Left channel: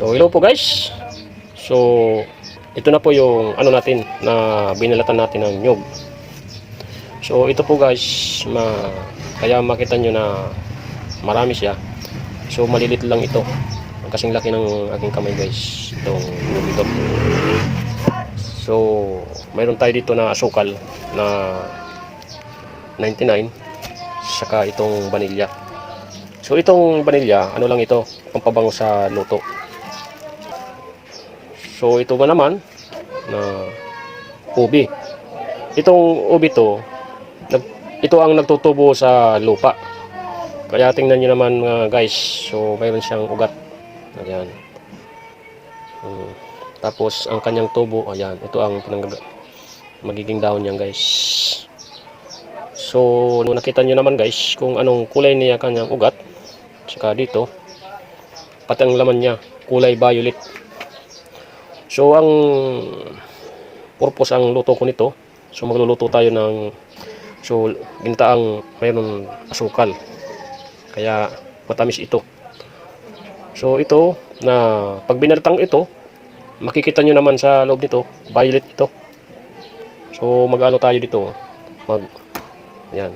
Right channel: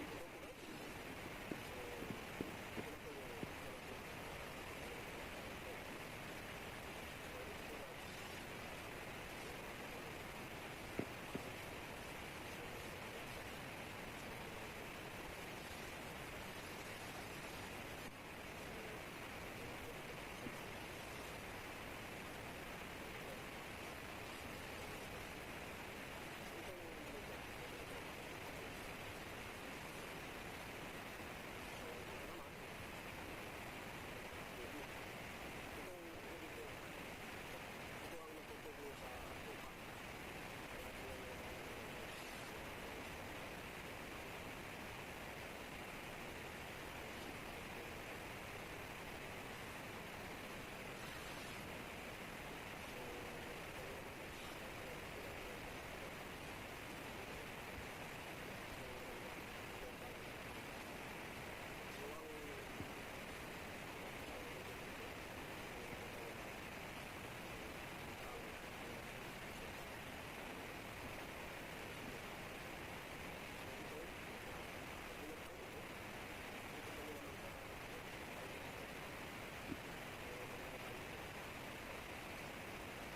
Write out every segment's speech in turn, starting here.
So hello po guys. So ito na po yung ano natin na binalatan natin ng nyug. So ito po guys, kaya makita nyo na marami siya. So malilit lang ito. Ang kasing laki ng aking kamay guys, itong nyug ito. So mayroon tayo dito na asukal na 99, saka itong vanilya. So itong vanilya, ano lang ito, pampabango sa luto. So ito ba naman na ubi. Itong ubi to, ito ang nagtutubo sa lupa. Kaya tingnan niyo naman guys, so mayroon siyang ugat. Ayan. Tapos ang kanyang tubo, ayan, ito ang magiging dahon niyan guys. So nakita niyo naman guys kung anong kulay niya kanyang ugat. Saka dito, pati ang laman niya, kulay violet. So ang purpose ang luto ko nito, so magluluto tayo ng ginataang mayroon asukal. Kaya matamis ito. So ito na pag binaltang ito, makikita nyo naman sa loob nito, violet ito. So mag-ano tayo dito, yan.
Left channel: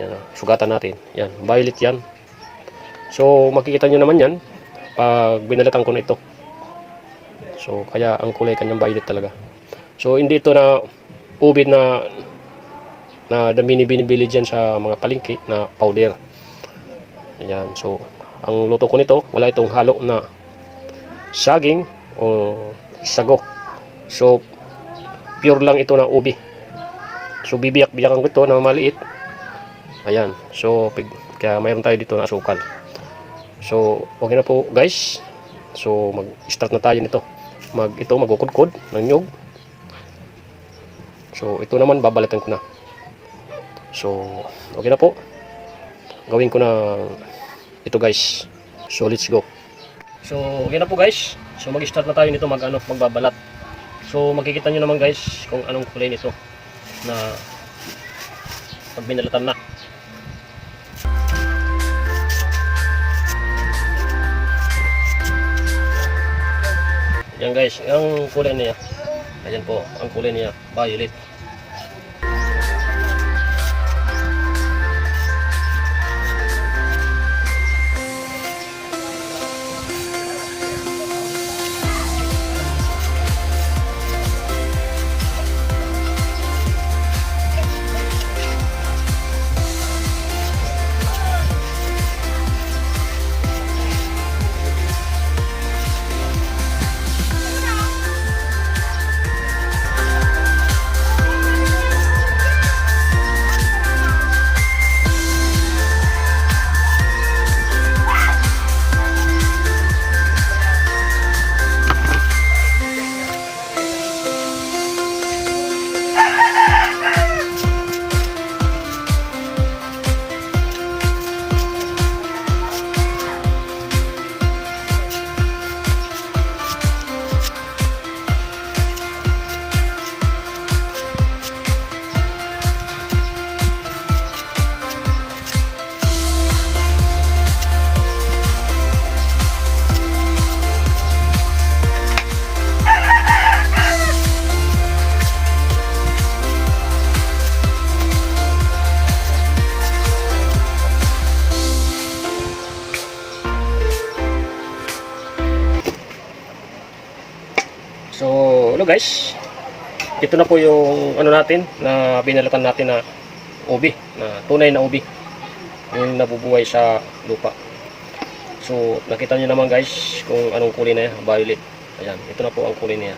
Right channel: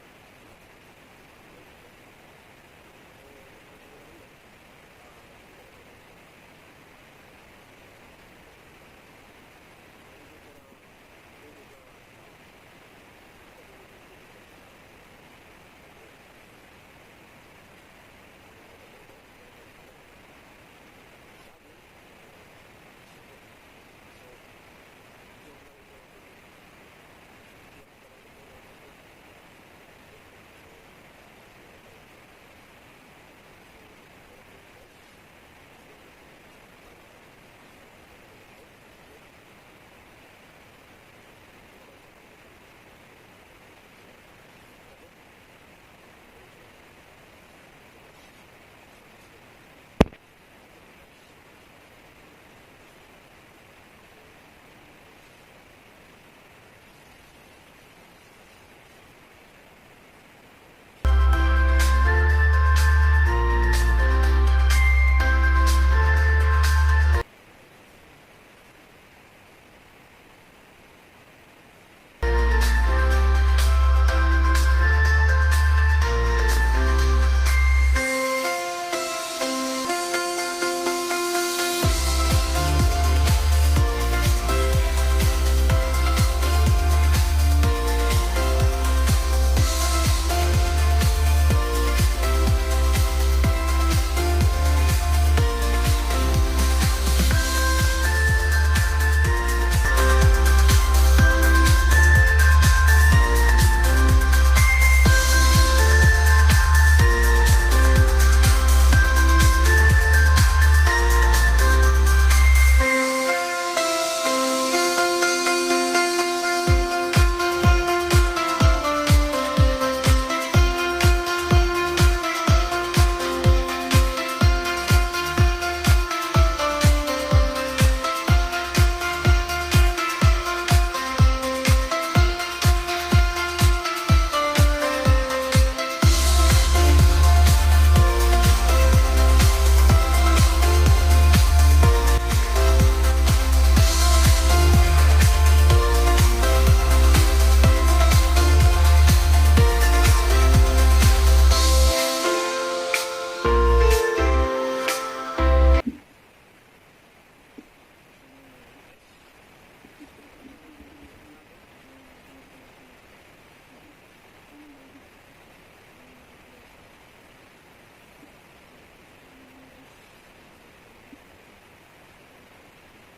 Yan, sugatan natin. Yan, violet yan. So makikita nyo naman yan pag binalatan ko na ito. So kaya ang kulay kanyang violet talaga. So hindi ito na ubi na binibili dyan sa mga palengke na powder. Ayan. So ang luto ko nito, wala itong halo na saging o sago. So pure lang ito na ubi. So bibiyak-biyakan ko ito na maliit. Ayan. So kaya mayroon tayo dito na asukal. So okay na po guys. So mag-start na tayo nito. Magkukudkod ng nyug. So ito naman babalatan ko na. So okay na po. Gawin ko na ito guys. So let's go. So okay na po guys. So mag-start na tayo nito magbabalat. So makikita nyo naman guys kung anong kulay nito na pag binalatan na. Yan guys, ang kulay niya. Ayan po, ang kulay niya, violet. So, hello guys. Ito na po yung ano natin na binalatan natin na ubi, na tunay na ubi. Yung nabubuhay sa lupa. So, nakita niyo naman guys kung anong kulay na yan, violet. Ayan, ito na po ang kulay niya.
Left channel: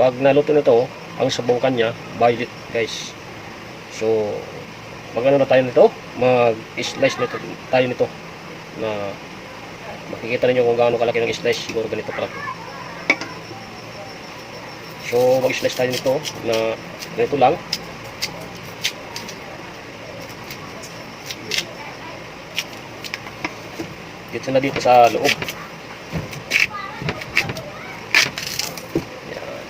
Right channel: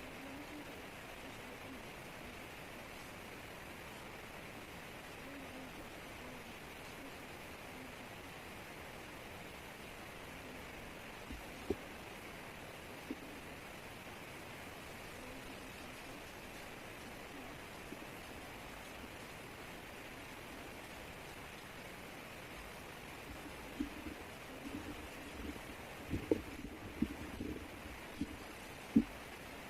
Pag naluto nito, ang sabukan niya, violet guys. So, mag-ano na tayo nito? Mag-slice nito tayo nito. Na makikita niyo kung gaano kalaki ng slice, siguro ganito kalaki. So mag-slice tayo nito na ganito lang. Dito na dito sa loob. Yan.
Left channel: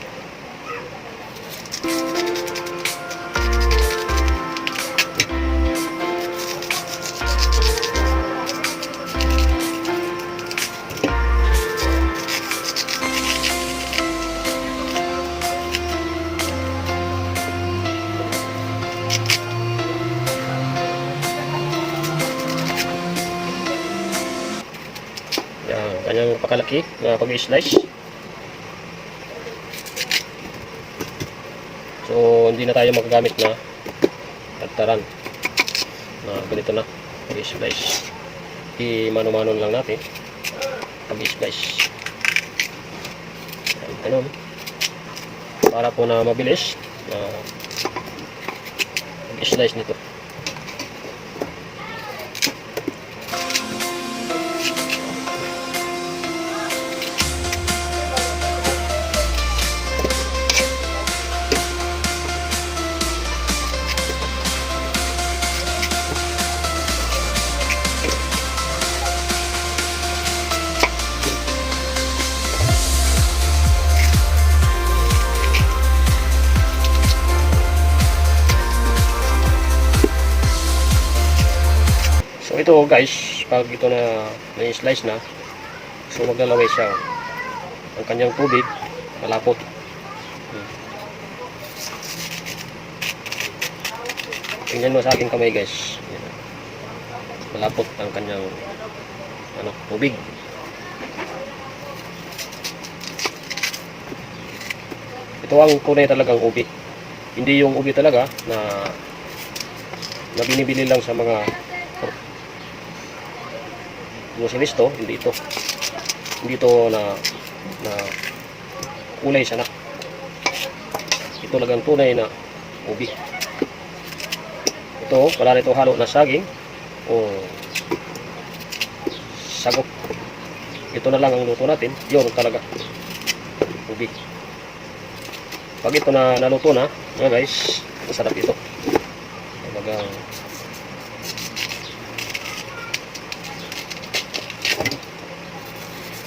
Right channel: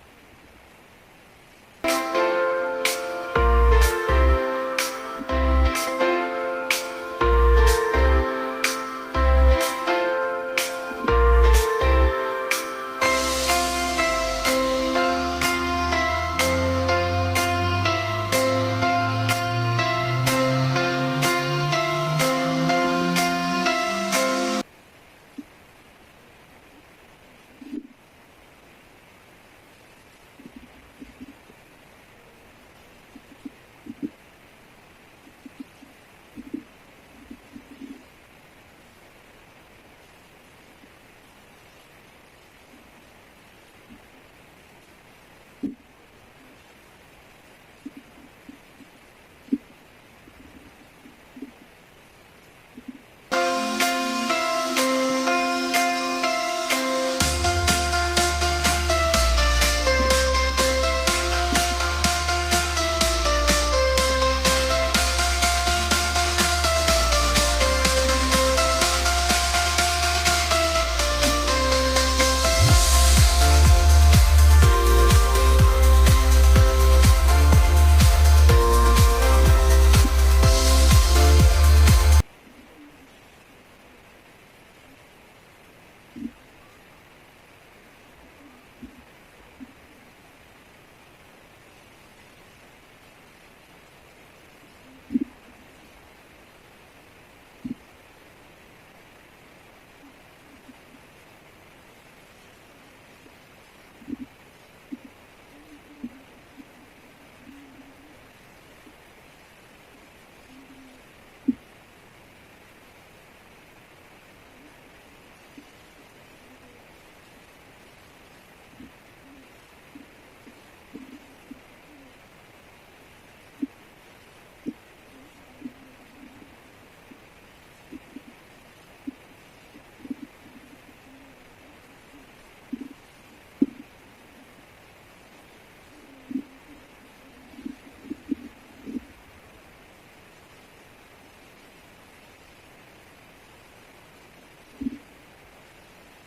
malaki na pag-slice. So hindi na tayo magagamit na tagtaran na ganito na pag-slice. I-mano-mano lang natin pag-slice. Ganun. Para po na mabilis na pag-slice nito. So ito guys, pag ito na na-slice na, so maglalaway siya. Ang kanyang tubig, malapot. Tingnan mo sa aking kamay guys. Malapot ang kanyang tubig. Ito ang tunay talagang ubi. Hindi yung ubi talaga na binibili lang sa mga groceries. Hindi ito na kulay sana. Ito talagang tunay na ubi. Ito, wala nito halo na saging o sagok. Ito na lang ang luto natin. Yun talaga ubi. Pag ito na naluto na, mga guys, masarap ito. Talagang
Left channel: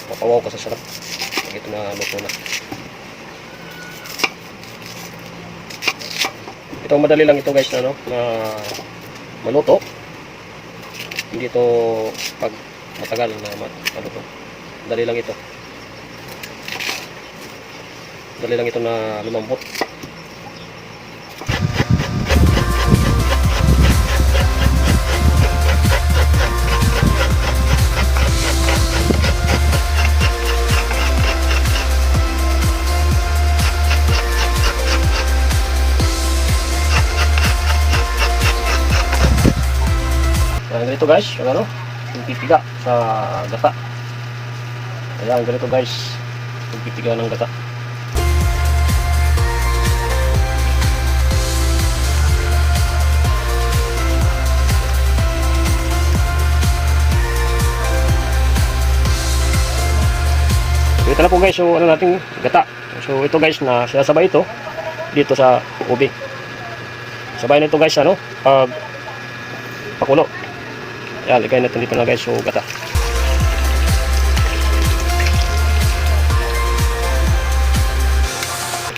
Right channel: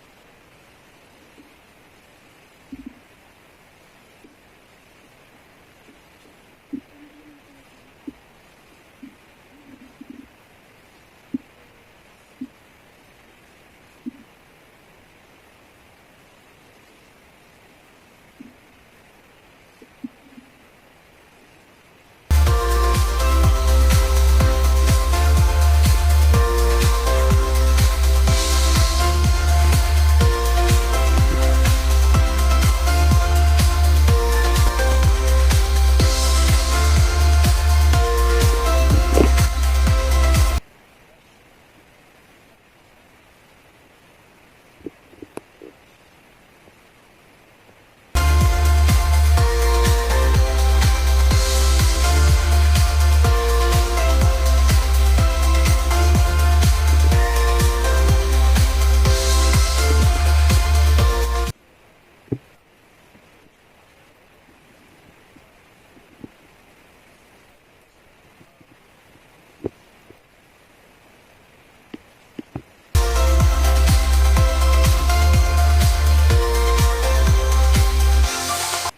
papawaw ka sa sarap. Pag ito na luto na. Ito madali lang ito guys na maluto. Hindi ito pag matagal na maluto. Madali lang ito. Madali lang ito na lumambot. Ganito guys, yung pipiga sa gata. Ayan, ganito guys, yung pipiga ng gata. Ito na po guys, so nating gata. So ito guys, na sinasabay ito dito sa ubi. Sabay na ito guys, pag pakulo. Yan, ligay natin dito na guys, so gata.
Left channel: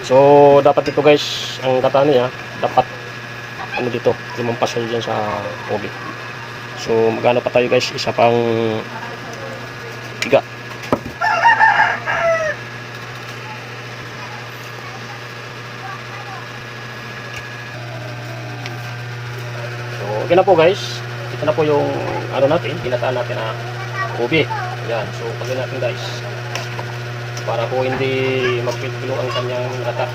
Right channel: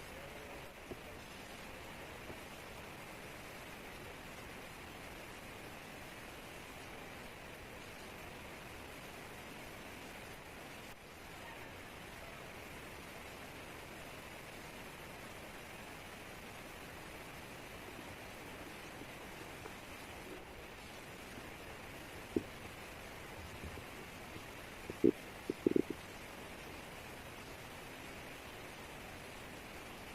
So dapat ito guys, ang gata niya dapat dito, lumampas siya dyan sa ubi. So magano pa tayo guys, isa pang tiga. So okay na po guys. Ito na po yung natin, ginataan natin na ubi. Ayan, so pagin natin guys. Para po hindi magpilo ang kanyang gata.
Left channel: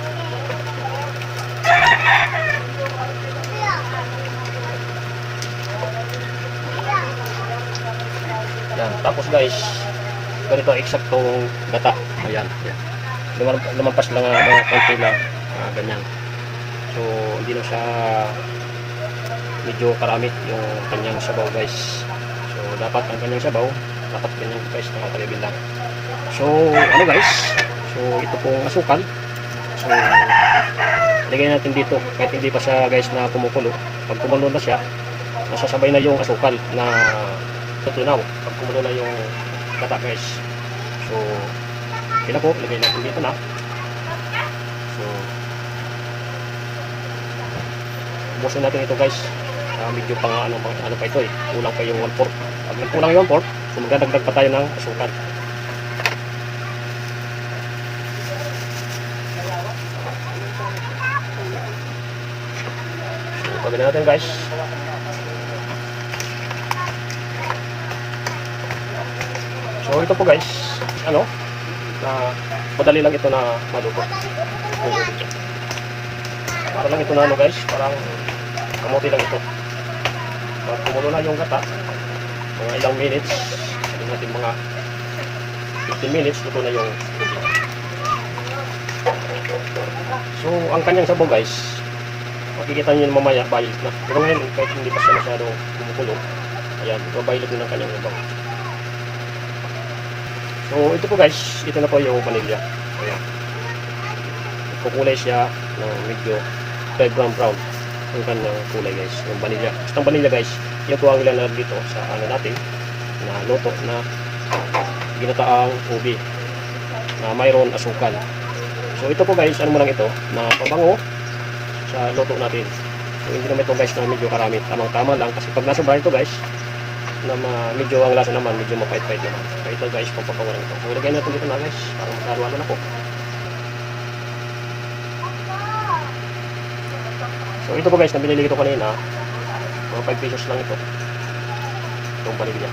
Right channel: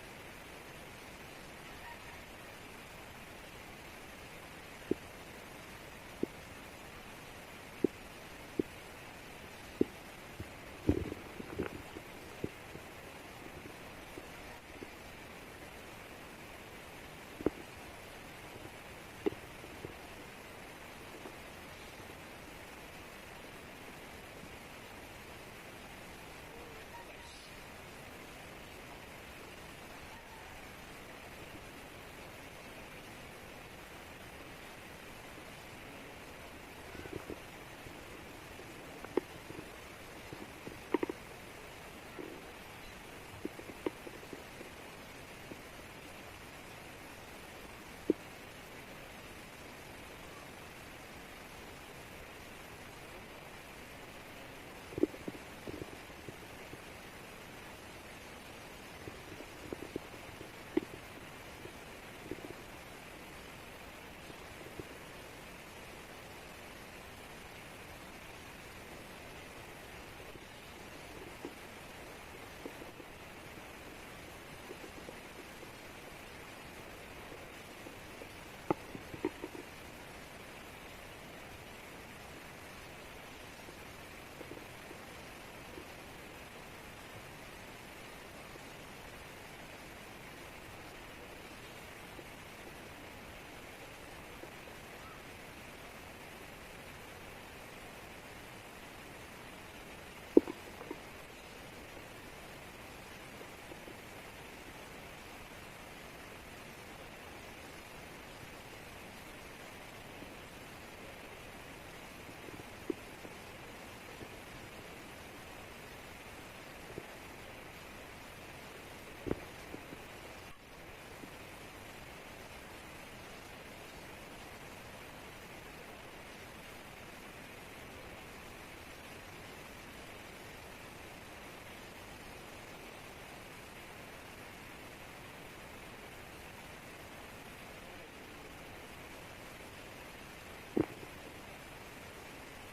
Ayan, tapos guys, ganito eksaktong gata. Ayan, ayan. Lumampas lang mga konti lang, ganyan. So hindi na siya medyo karami yung kanyang sabaw guys. So dapat ang kanyang sabaw dapat ganyan guys, nakakalibin lang. So guys, so ito pong asukal. So lagay natin dito kahit hindi pa siya guys na kumukulo. Pag kumulo na siya, nasasabay na yung asukal na tutunaw pag kumulo na yung gata guys. So kaya po, lagay natin dito na. So ubusin natin ito guys. Medyo pang ano pa ito kulang pa yung 1/4. Pag nagkulang yung 1/4, so magdadagdag pa tayo ng asukal. So pagin natin guys. So ito po guys, ano, na madali lang ito na maluto. Para lang ito na ano guys, parang kamuti lang ito. Pag kumulo na yung gata, mga ilang minutes, sabi natin mga 15 minutes, luto na yung ubi. So, ang kanyang sabaw guys, makikita nyo mamaya, violet na. Pero ngayon, kahit hindi pa siya masyadong kumukulo, ayan, violet na ng kanyang sabaw. So, ito po guys, ito na po yung vanilla. Ayan. Kukulay siya ng medyo red brown ang kanyang kulay guys, yung vanilla. Basta vanilla guys, yun po ang ilalagay dito sa ano natin, na luto na ginataang ubi na mayroon asukal. So ito po guys, ano mo lang ito, na pabango sa luto natin. So hindi naman ito guys na medyo karami, tamang-tama lang, kasi pag nasobra ito guys, na medyo ang lasa naman, medyo mapait-pait naman. So ito guys, papabango lang ito. So ilagay natin dito na guys, para magkalualo na po. So ito po guys, nabili ko kanina, mga 5 pesos lang ito. Itong vanilla.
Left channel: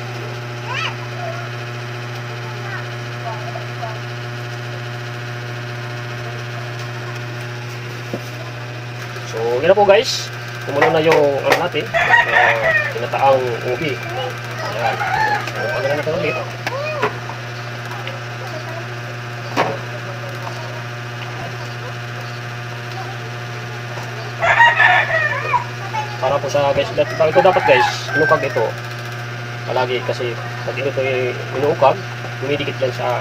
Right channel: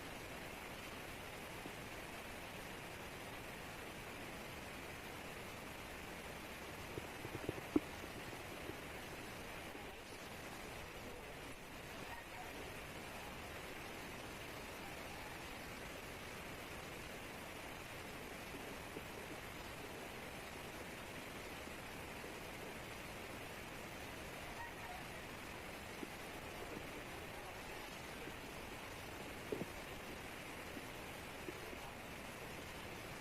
So yun na po guys, kumulo na yung ano natin, tinataang ubi. Ayan. So pagkalan natin ulit. Para po sa guys, ito dapat guys, inukag ito palagi, kasi pag ito ay inuukag, dumidikit yan sa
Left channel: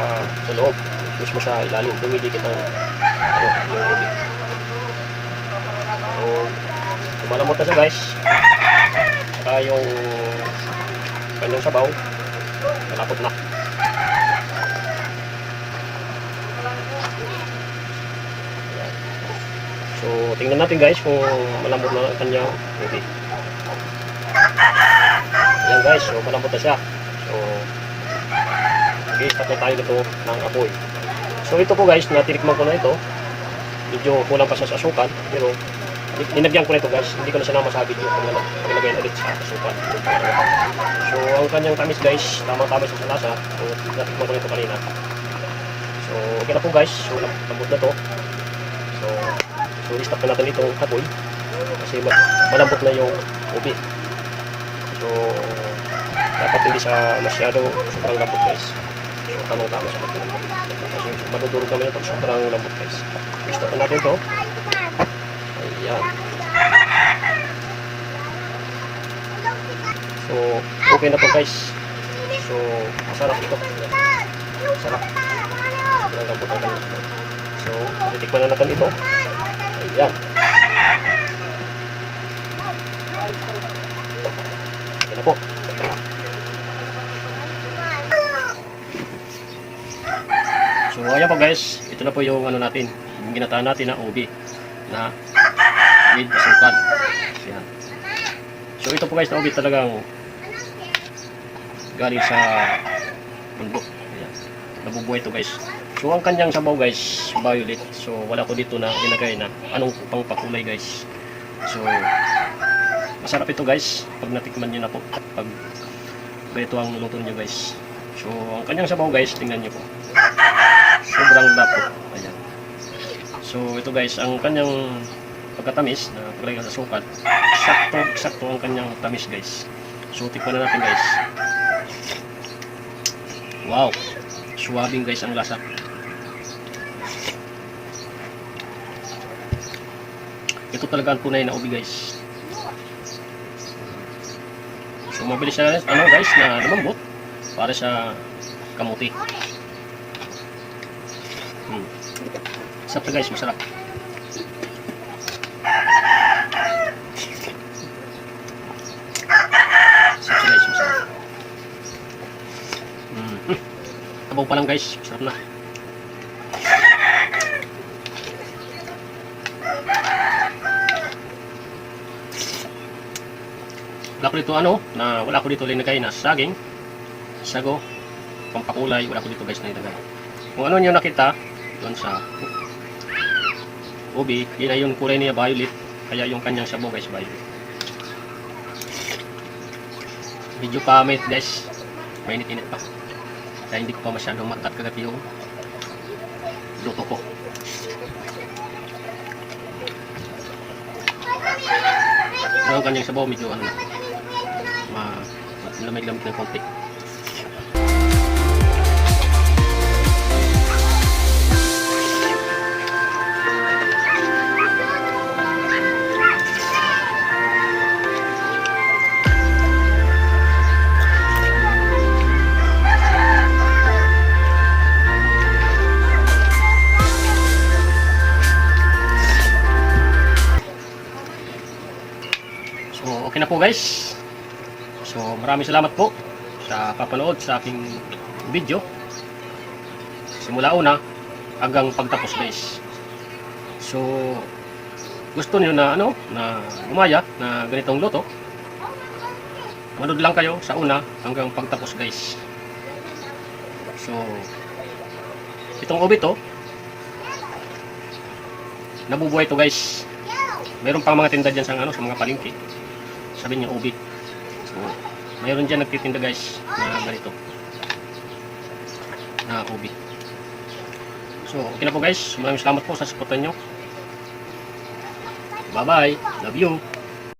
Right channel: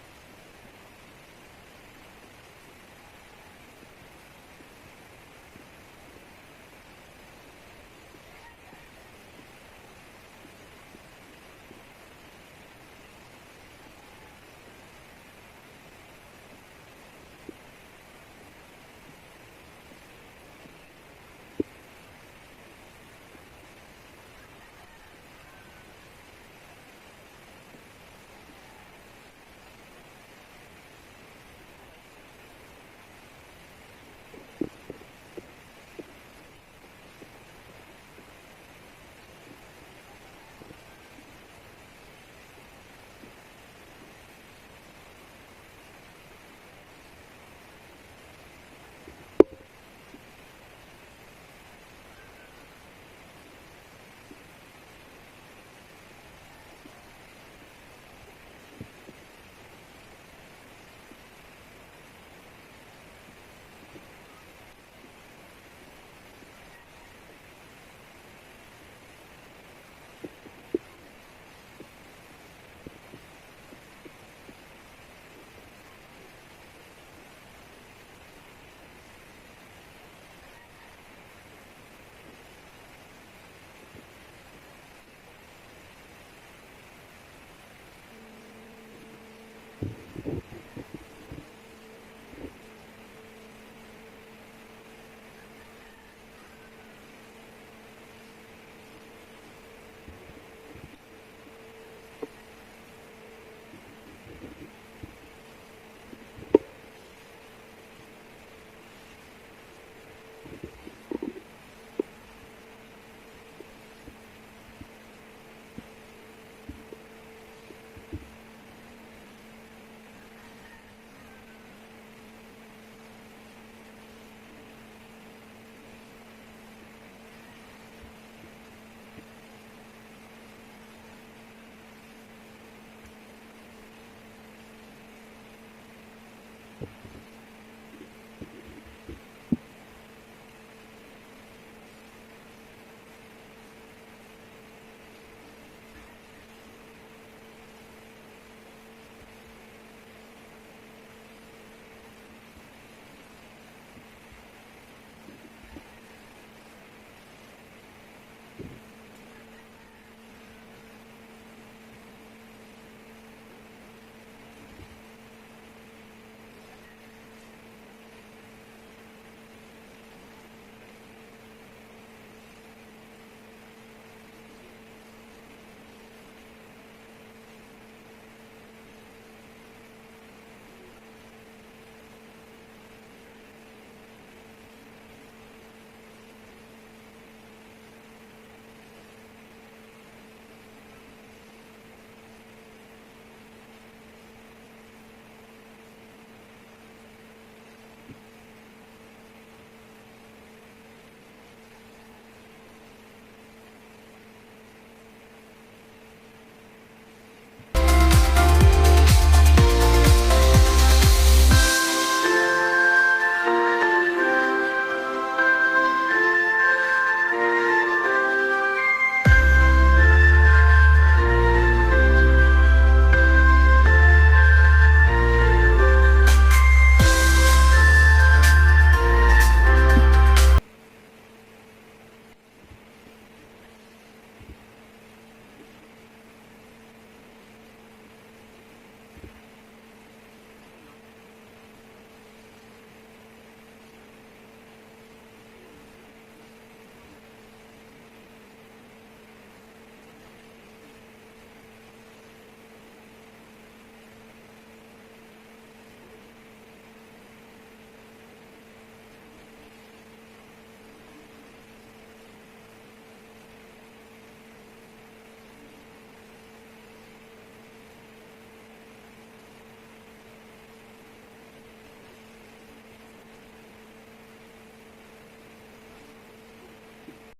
loob, mismo sa ilalim, dumidikit ang ano, yung ubi. So malamot na siya guys, saka yung kanyang sabaw malapot na. So tingnan natin guys kung malambot na ang kanyang ubi. Ayan guys, so malambot na siya. So mag-i-start na tayo dito ng apoy. So ito po guys, natirikman ko na ito. Medyo kulang pa siya sa asukal, pero ninagyan ko na ito guys. Hindi ko na sinama sa video kung nilagay na ulit sa asukal. So ang kanyang tamis guys, tamang-tama siya sa lasa. So natikman ko na ito kanina. So okay na po guys, so lambot na to. So i-stop na natin itong apoy kasi malambot na yung ubi. So dapat hindi siya masyado sobrang lambot guys. So tamang-tama siya kasi madudurog naman ito sobrang lambot guys. I-stop na natin ito. Ayan. So okay na po guys. So masarap ito. Masarap. Sobrang lambot na kanya. So titikman na natin ito. Ayan. Ayan na po. So ayan po guys, ito na po yung ano natin, yung ginataan natin na ubi na with asukal. Ayan. So ito po guys na ubi talagang galing sa bundok. Ayan. Nabubuhay ito guys. So ang kanyang sabaw guys, violet. So wala ko dito na ilagay na anong pang pakulay guys. So masarap ito guys pag natikman niyo na po, pag ganito ang luto niyo guys. So ang kanyang sabaw guys, tingnan niyo po. Sobrang lapot. Ayan. So ito guys, ang kanyang pagkatamis na paglagay sa sukat, sakto ang kanyang tamis guys. So tikman na natin guys. Wow. Suwabing guys ang lasa. Ito talaga ang tunay na ubi guys. So mabilis siya ano guys na lumambot para sa kamuti. Sarap guys, masarap. Sarap guys, masarap. Tabaw pa lang guys, masarap na. Wala ko dito ano, wala ko dito linagay na saging, sago, pampakulay, wala ko dito guys na ilagay. Kung ano nyo nakita doon sa ubi, yun yung kulay niya violet, kaya yung kanyang sabaw guys violet. Medyo pamit guys, mainit-init pa. Kaya hindi ko pa masyadong matat kagabi yung luto ko. Pero ang kanyang sabaw medyo ano na, lamig-lamig ng konti. So, okay na po guys. So, maraming salamat po sa papanood sa aking video. Simula una hanggang pagtapos guys. So, gusto niyo na ano, na gumaya na ganitong luto, manood lang kayo sa una hanggang pagtapos guys. So, itong ubi to, nabubuhay to guys. Meron pang mga tinda dyan sa, ano, sa mga palengke. Sabi niya ubi. So, mayroon dyan nagtitinda guys na ganito. Na ubi. So, okay na po guys. Maraming salamat po sa suportan nyo. Bye bye. Love you.